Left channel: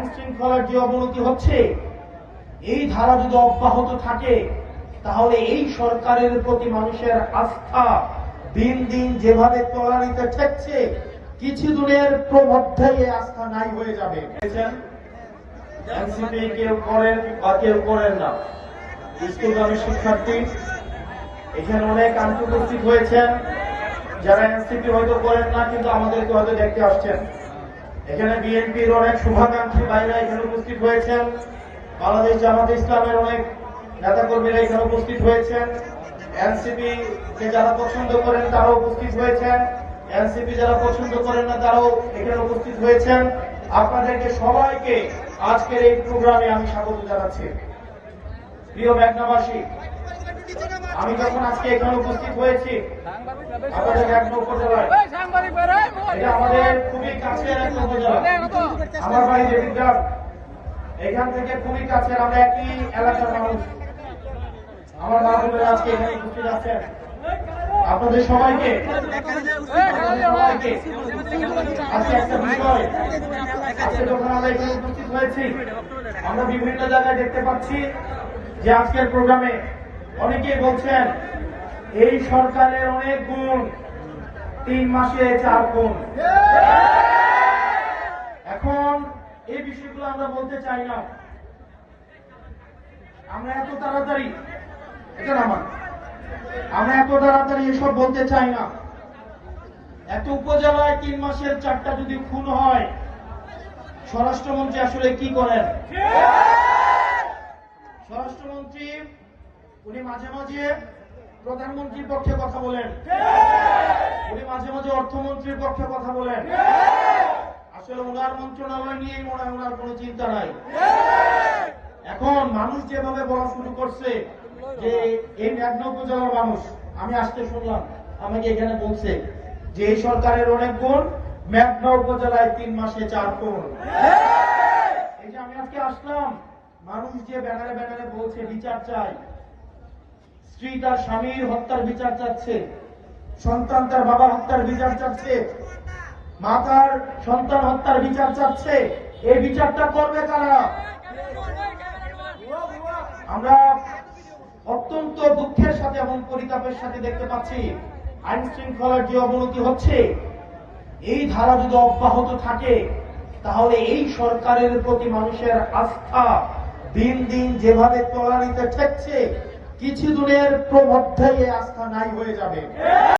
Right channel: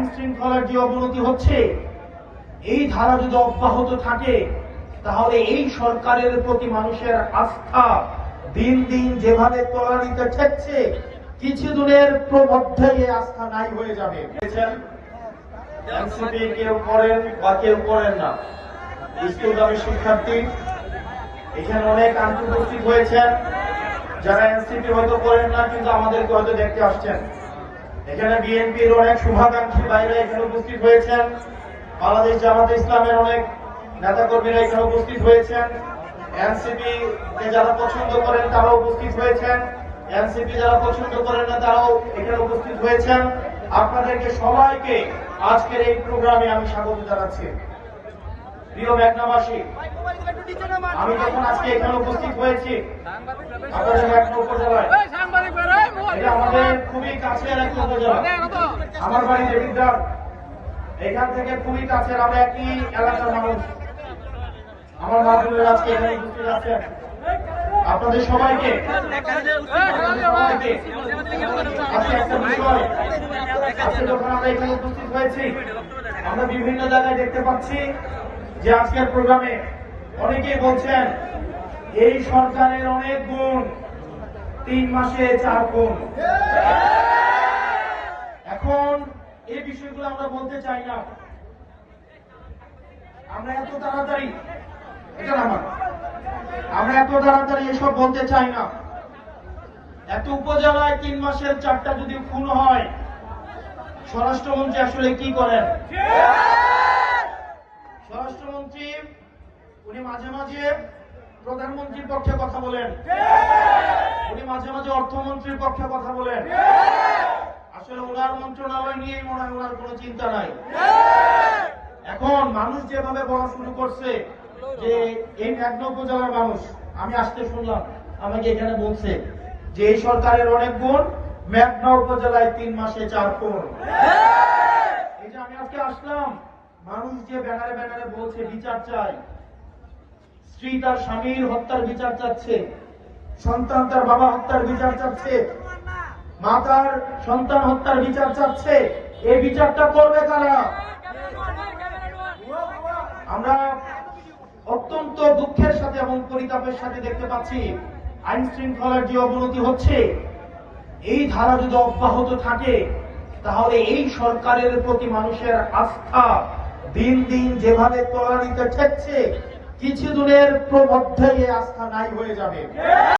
আইন শৃঙ্খলার যে অবনতি হচ্ছে, এই ধারা যদি অব্যাহত থাকে তাহলে এই সরকারের প্রতি মানুষের আস্থা দিন দিন যেভাবে তলানিতে ঠেকছে, কিছুদিনের মধ্যে এই আস্থা নাই হয়ে যাবে। এনসিপি কেউ করেন বা কেউ করেন না, স্কুলগামী শিক্ষার্থী এখানে অনেক আন্তর্জাতিক হয়েছেন, যারা এনসিপি হয়তো করেন না কিন্তু আমাদেরকে হয়তো দেখতে আসছেন। এখানে বিএনপির অনেক শুভাকাঙ্ক্ষী ভাইরা এখানে উপস্থিত হয়েছেন, বাংলাদেশ জামাত ইসলামের অনেক নেতাকর্মীরা এখানে উপস্থিত হয়েছেন, এনসিপি যারা পছন্দ করেন তারাও উপস্থিত হয়েছেন, এনসিপি যারা পছন্দ করেন না তারাও এখানে উপস্থিত হয়েছেন। আপনাদেরকে সবাইকে আজকের এই প্রোগ্রামে আমি স্বাগত জানাচ্ছি। প্রিয় মেঘনাবাসী, আমি যখন আজকে এখানে উপস্থিত হয়েছি আমাদের মেঘনা উপজেলায়, এটা আমাদের খুবই কাছের একটা উপজেলা। আমার বাড়ি দেবিদ্বার, এখান থেকে খুবই কাছের, আমরা একই এলাকার মানুষ। আমার মানুষগুলো আজকে এখানে উপস্থিত আছেন। আপনাদের সবাইকে আজকে একটা বিষয়, আজকে যখন আমরা এখানে উপস্থিত হয়েছি আমরা বিভিন্ন জায়গায় দেখতে পাচ্ছি যে আজকের প্রোগ্রামে অনেকেই বলছেন এই সরকারের অনেক গুণ, 3 মাসে 4 গুণ। এখন এই বিষয়গুলো আমরা বলতে চাই না, আমরা এত তাড়াতাড়ি এসব বলতে চাই না। এত উপজেলায় 3 মাসের 4টা যদি খুন হয়, স্বরাষ্ট্রমন্ত্রী আসলে কি করেন? স্বরাষ্ট্রমন্ত্রী উনি মাঝে মাঝে প্রধানমন্ত্রীর পক্ষে কথা বলেন, উনি মাঝে মাঝে অর্থমন্ত্রীর পক্ষে কথা বলেন। আসলে ওনার মন্ত্রণালয় নিয়ে ওনার কোনো চিন্তা নাই। এখন মানুষ যেভাবে বলা শুরু করছে যে এই মেঘনা উপজেলার মানুষ, আমি আসতে শুনলাম আমাকে এখানে বলছে যে এই সরকারের অনেক গুণ, মেঘনা উপজেলায় 3 মাসে 4 গুণ। এই যে আমি আজকে আসলাম, মানুষ যে ব্যানারে ব্যানারে বলছে বিচার চাই, স্ত্রী তার স্বামীর হত্যার বিচার চাচ্ছে, সন্তান তার বাবা হত্যার বিচার চাচ্ছে, মা তার সন্তান হত্যার বিচার চাচ্ছে, এই বিচারটা করবে কারা? আমরা অত্যন্ত দুঃখের সাথে এবং পরিতাপের সাথে দেখতে পাচ্ছি আইন শৃঙ্খলার যে অবনতি হচ্ছে, এই ধারা যদি অব্যাহত থাকে তাহলে এই সরকারের প্রতি মানুষের আস্থা দিন দিন যেভাবে তলানিতে ঠেকছে, কিছুদিনের মধ্যে এই আস্থা নাই হয়ে যাবে।